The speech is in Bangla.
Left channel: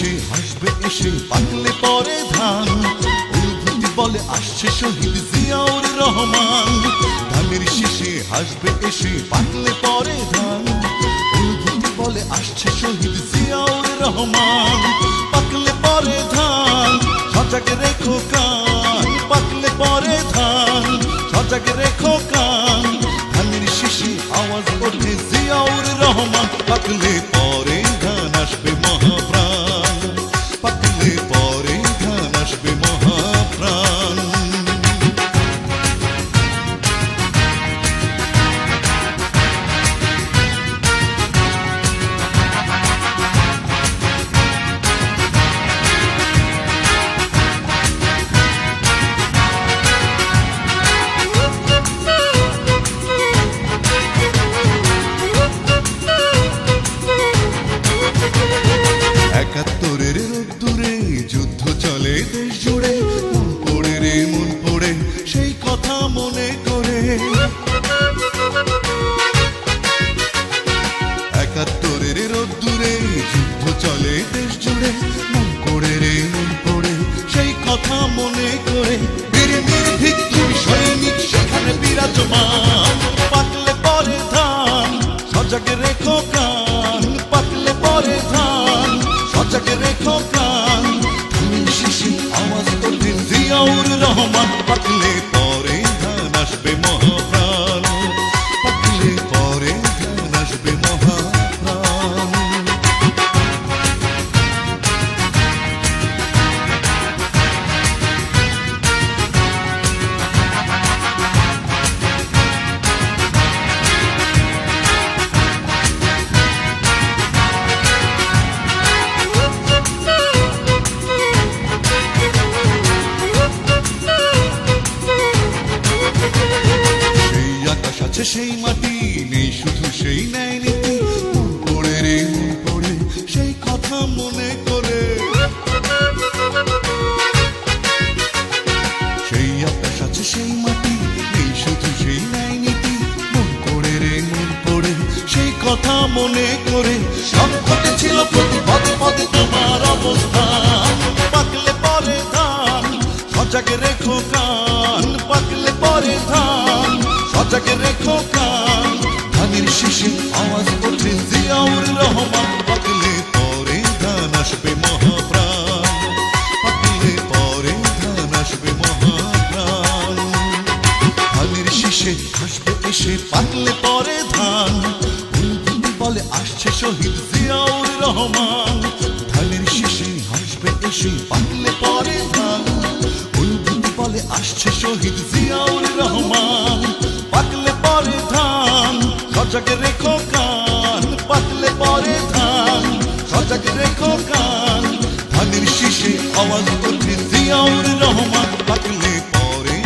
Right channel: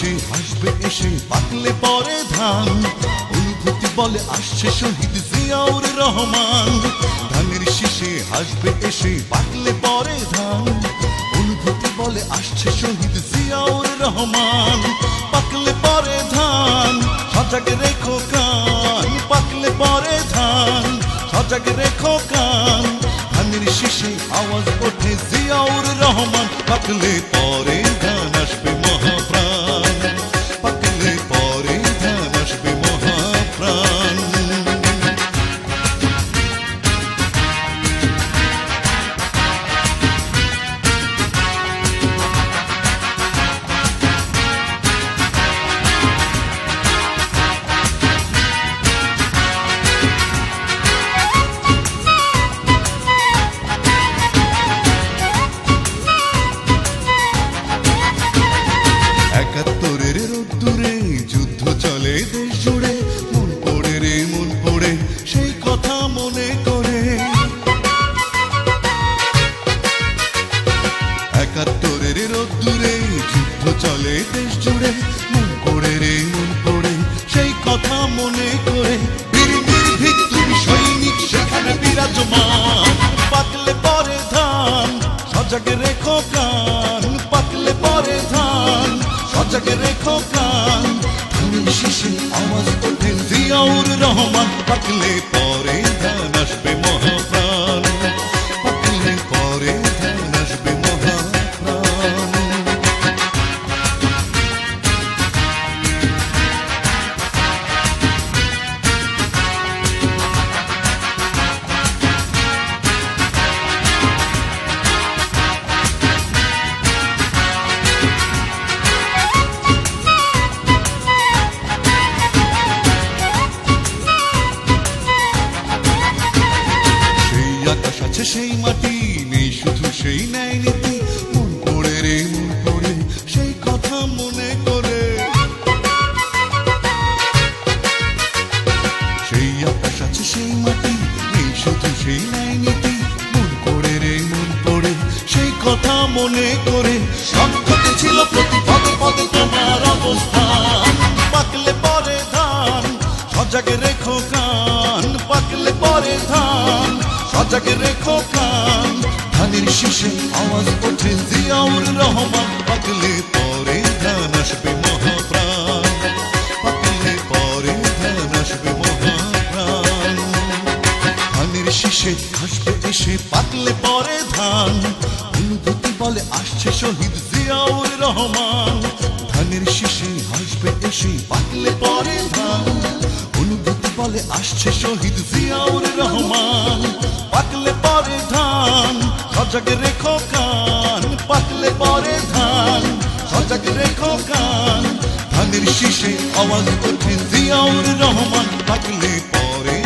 শেষে হাসবে, এসে পাকলে পরে ধান। অনুভূতি বলে, আসছে শহীদ জিয়াউর রহমান। ধানের শেষে হাসবে, এসে পাকলে পরে ধান। অনুভূতি বলে, আসছে শহীদ জিয়াউর রহমান। পাকলে পরে ধান, সজাগ রেখো কান। পাকলে পরে ধান, সজাগ রেখো কান। ধানের শেষে আওয়াজ ওঠে, জিয়াউর রহমান পাকলে পরে ধান আসবে মহাপ্রাণ। একাত্তরের রোদ্দুরে যুদ্ধ চলে দেশ জুড়ে। মন পড়ে রে, মন পড়ে, সেই কথা মনে করে। একাত্তরের রোদ্দুরে যুদ্ধ চলে দেশ জুড়ে। মন পড়ে রে, মন পড়ে, সেই কথা মনে করে। বীর নির্ভীক সৈনিক, সেখানে বিরাজমান। পাকলে পরে ধান, সজাগ রেখো কান সজাগ রেখো প্রাণ। ধানের শিশির আওয়াজ ওঠে জিয়াউর রহমান। পাকলে পরে ধান আসবে মহাপ্রাণ আকাশ আছে সেই মাটি, নেই শুধু সেই ন্যায় নীতি। মন পড়ে রে, মন পড়ে সেই কথা মনে করে। সেই আকাশ আছে সেই মাটি, নেই শুধু সেই ন্যায় নীতি। মন পড়ে রে, মন পড়ে সেই কথা মনে করে। সক্ষতে ছিল প্রতি পদে পদে তোমার অবস্থান। পাকলে পরে ধান, সজাগ রেখো কান পাকলে পরে ধান সজাগ রেখো কান ধানের শেষে আওয়াজ ওঠে, জিয়াউর রহমান পাকলে পরে ধান আসবে মহাপ্রাণ। পাকলে পরে ধান আসবে মহাপ্রাণ। ধানের শীষে হাসবে এসে পাকলে পরে ধান। বলে, আসছে শহীদ জিয়াউর রহমান। ধানের শীষে হাসবে এসে পাকলে পরে ধান। বলে, আসছে শহীদ জিয়াউর রহমান। পাকলে পরে ধান, সজাগ রেখো কান। পাকলে পরে ধান, সজাগ রেখো কান। ধানের শীষে আওয়াজ ওঠে জিয়াউর রহমান। পাকলে পরে